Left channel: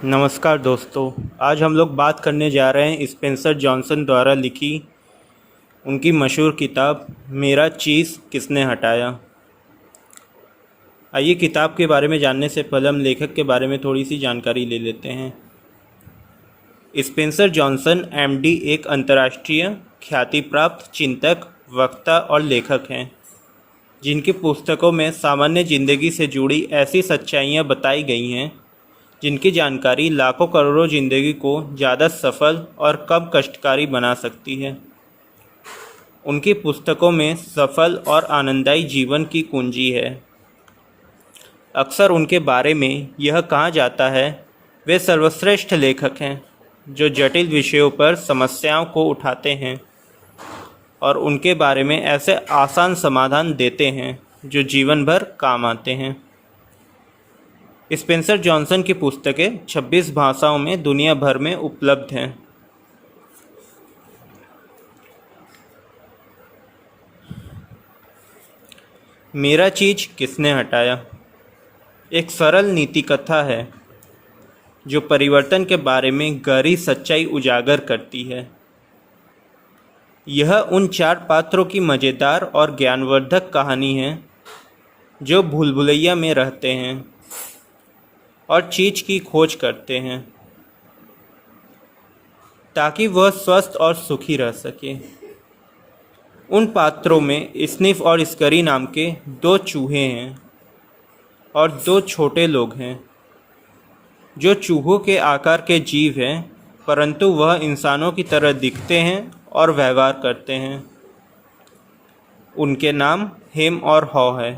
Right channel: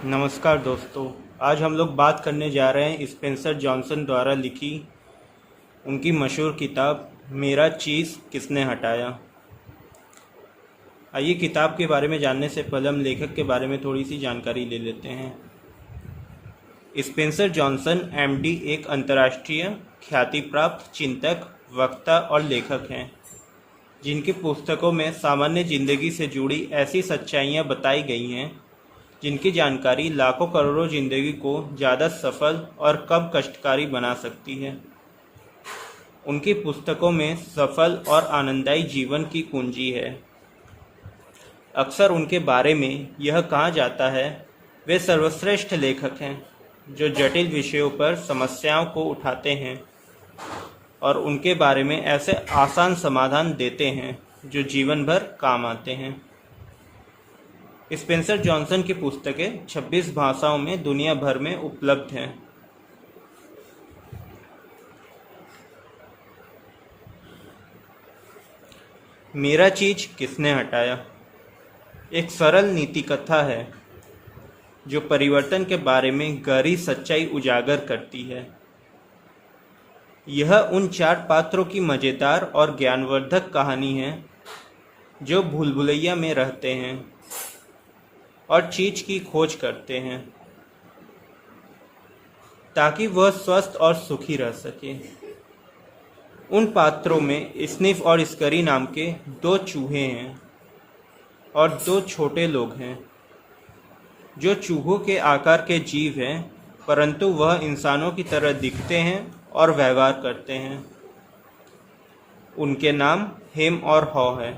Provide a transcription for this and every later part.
नमस्कार दोस्तों। आज हम लोग बात करने जा रहे हैं स्पेंसर जॉनसन द्वारा लिखी उनकी मशहूर किताब मेरा चीज़ किसने हटाया। आइए किताब के बारे में जानने से पहले हम लेखक के बारे में थोड़ी सी जानकारी ले लेते हैं। स्पेंसर जॉनसन एमडी एक अंतर्राष्ट्रीय ख्याति प्राप्त चिंतक, वक्ता और लेखक हैं, जिनकी पुस्तकों में सामान्य जिंदगी से जुड़ी ऐसी सच्चाइयाँ बताई गई हैं जिनकी जानकारी लाखों करोड़ों जिंदगी को ज़्यादा सफल और कम कष्टकारी बना सकती है। उनकी पुस्तकों में सफल और आनंददायी जीवन की कुंजी है। अक्सर उनके बारे में यह कहा जाता है वे सर्वश्रेष्ठ लेखक हैं जो जटिल विषयों पर समस्याओं को उठाते हैं और उनके बारे में ऐसे आसान समाधान देते हैं जो जीवन भर काम आते हैं। स्पेंसर जॉनसन की पुस्तकें 26 भाषाओं में दुनिया भर में उपलब्ध हैं। मेरा चीज किसने हटाया एक सरल नीति कथा है जो परिवर्तन के बारे में गहरी सच्चाई उजागर करती है। यह उन 4 पात्रों की मज़ेदार और ज्ञानवर्धक कहानी है जो भूल-भुलैया में रहते हैं और चीज़ की खोज करते हैं ताकि वह स्वस्थ और सुखी रह सके। उन पात्रों में स्निफ और स्करी नाम के 2 चूहे हैं और 2 छोटे लोग हैं जो चूहों के आकार के जीव हैं, परंतु वह इंसानों की तरह दिखते हैं और व्यवहार करते हैं। उनके नाम हेम और हॉ है।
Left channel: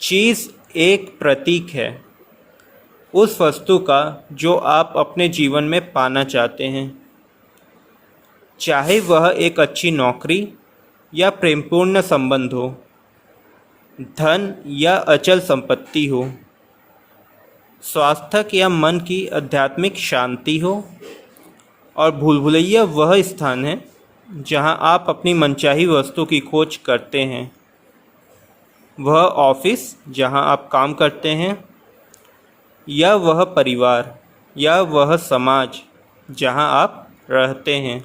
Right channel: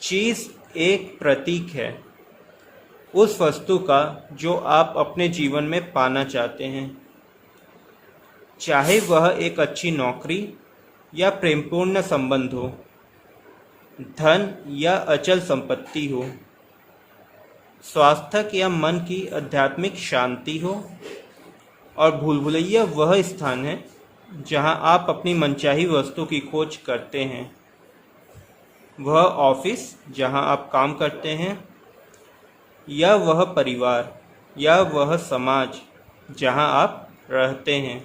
चीज़ एक प्रतीक है उस वस्तु का जो आप अपने जीवन में पाना चाहते हैं, चाहे वह एक अच्छी नौकरी या प्रेमपूर्ण संबंध हो, धन या अचल संपत्ति हो, स्वास्थ्य या मन की आध्यात्मिक शांति हो। और भूल-भुलैया वह स्थान है जहां आप अपनी मनचाही वस्तु की खोज करते हैं। वह ऑफिस जहां आप काम करते हैं, या वह परिवार या वह समाज जहां आप रहते हैं।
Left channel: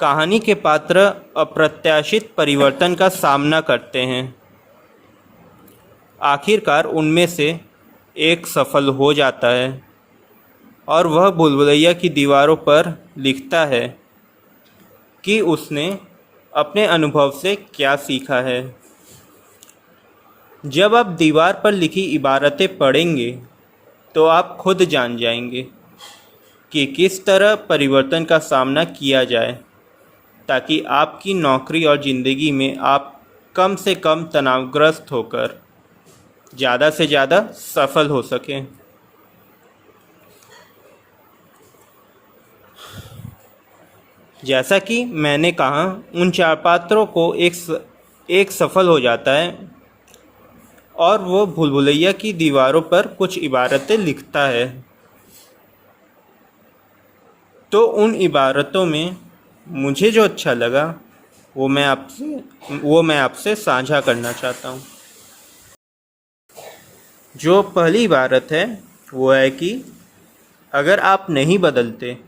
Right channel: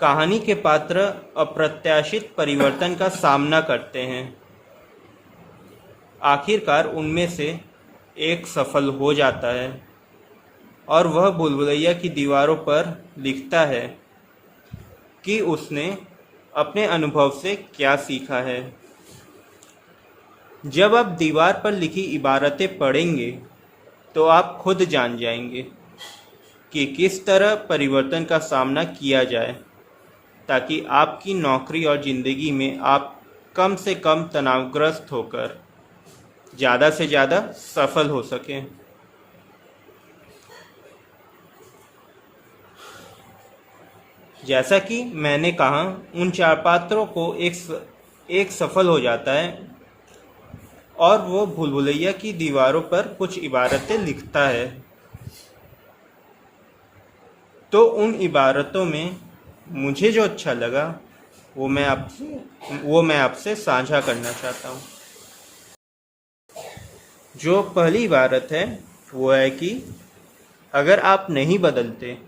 कहानी के पात्र अप्रत्याशित परिवर्तन का सामना करते हैं। आखिरकार उनमें से एक सफल हो जाता है और वह भूल-भुलैया की दीवारों पर लिखता है कि उसने अपने अनुभव से क्या सीखा है। जब आप दीवार पर लिखी इबारतें पढ़ेंगे तो आप खुद जान जाएंगे कि किस तरह परिवर्तन का सामना किया जाए ताकि आपकी नौकरी और ज़िंदगी में आप कम से कम तनावग्रस्त होकर ज़्यादा से ज़्यादा सफल हो सकें। जैसा कि मैंने कहा, उन 4 पात्रों को एक सफल हो जाता है और वो भूल-भुलैया की दीवारों पर कुछ इबारतें लिखता है। तो उन इबारतों में मुझे जो अच्छा लगा वो मैं आपसे साझा करना चाहता हूँ। जो पहली इबारत है वो है कि अगर आप नहीं बदलते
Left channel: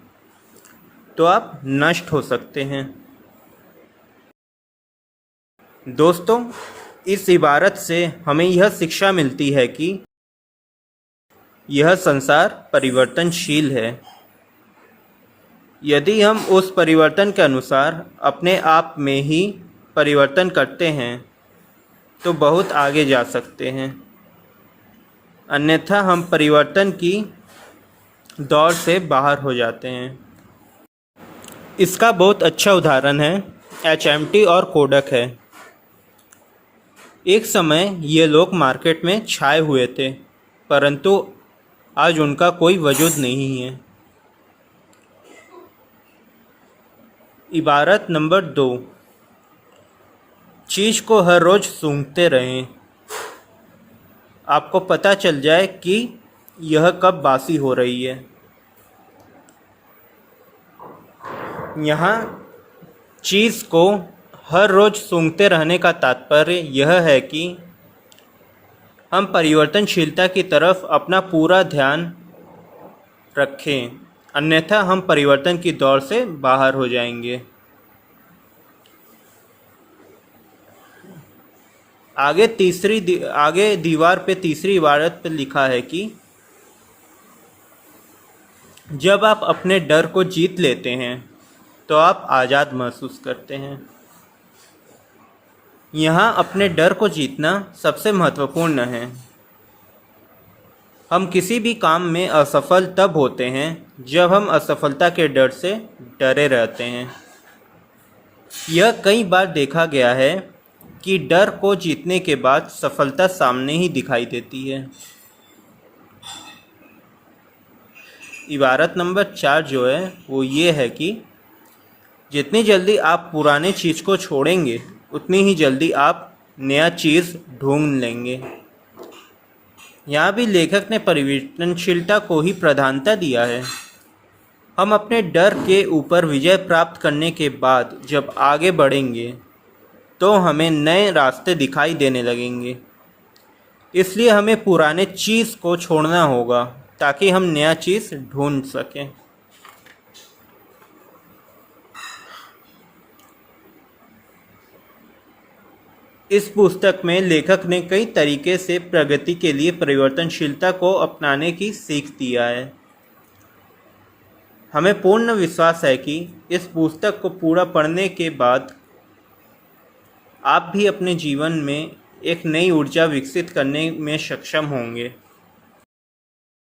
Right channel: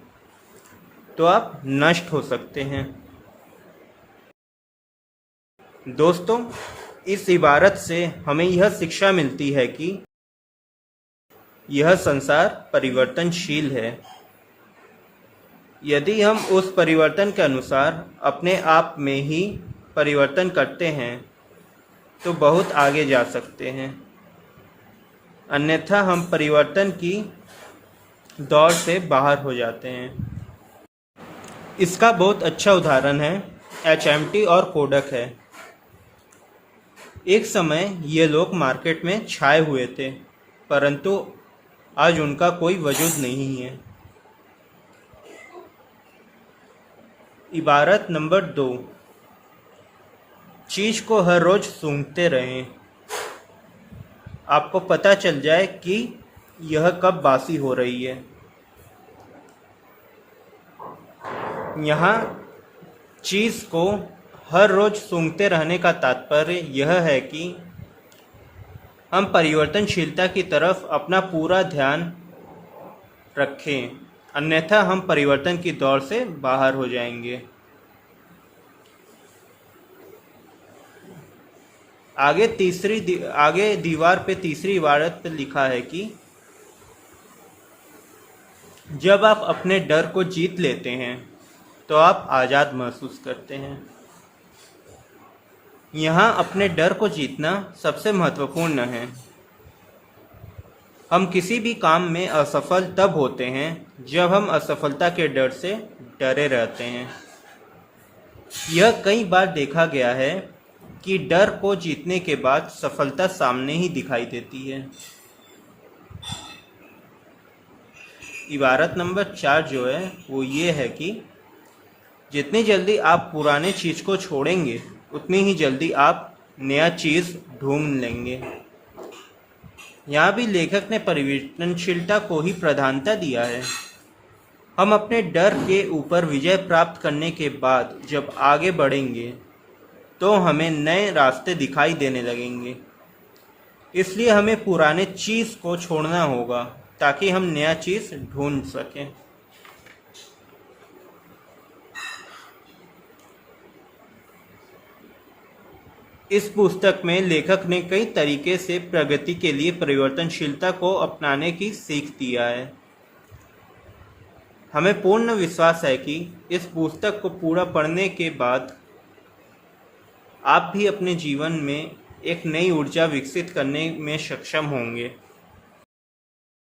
तो आप नष्ट हो सकते हैं। दोस्तों, इस इबारत से हमें यह शिक्षा मिलती है कि यह संसार परिवर्तनशील है। यदि हम उस परिवर्तन के अनुसार अपने आप में ही परिवर्तन करते हैं तो बहुत आगे जा सकते हैं, अन्यथा हम परिवर्तन की दौड़ से बाहर हो जाते हैं। इसका बहुत अच्छा उदाहरण है HMT और कोडक है। एक समय ये लोग मार्केट में छाए हुए थे, परंतु आज उनका कोई वजूद नहीं है। इबारत नंबर 2, चीज़ को हर रोज़ सूंघते रहें। आपको पता चल जाए कि यह कब बासी हो रही है। यहाँ चीज़ को हर रोज़ सूंघते रहने का तात्पर्य यह है कि हम परिवर्तनशीलता की तरफ अपना पूरा ध्यान रखें, अन्यथा हम परिवर्तन की दौड़ से बाहर हो जाएंगे। आगे दीवार पे तीसरी इबारत पे लिखा है कि जब आप अपने डर को जीत लेते हैं तो आप आज़ाद महसूस करते हैं। यहाँ अपने डर को जीतना सबसे महत्वपूर्ण है। हम किसी भी काम में असफल तब होते हैं जब हम असफलता के डर से डरे रहते हैं। यह कई बार देखा गया है कि डर को जीतने के बाद सफलता सामने ही दिखाई देती है। इबारत नंबर 4 जो है वो ये है कि जितनी जल्दी आप पुराने चीज़ को छोड़ेंगे उतनी ही जल्दी आप नया चीज़ ढूंढ लेंगे। यहाँ भी लेखक ने परिवर्तनशीलता को ही प्रधानता दिया है। हम अपने डर के ऊपर विजय प्राप्त करने के बाद जब आगे बढ़ेंगे तो हमें नए रास्ते दिखाई देने लगेंगे। इसलिए हमें पुराने चीज़ को छोड़ना होगा ताकि हम नया चीज़ ढूंढ सकें। इस पुस्तक में लेखक ने कई तरीके से प्रगति के लिए परिवर्तनशीलता को अपनाने की सीख दिया है। हमें पूर्ण विश्वास है कि इस पुस्तक को पूरा पढ़ने के बाद आप भी अपने जीवन में एक नई ऊर्जा विकसित करने में सक्षम होंगे।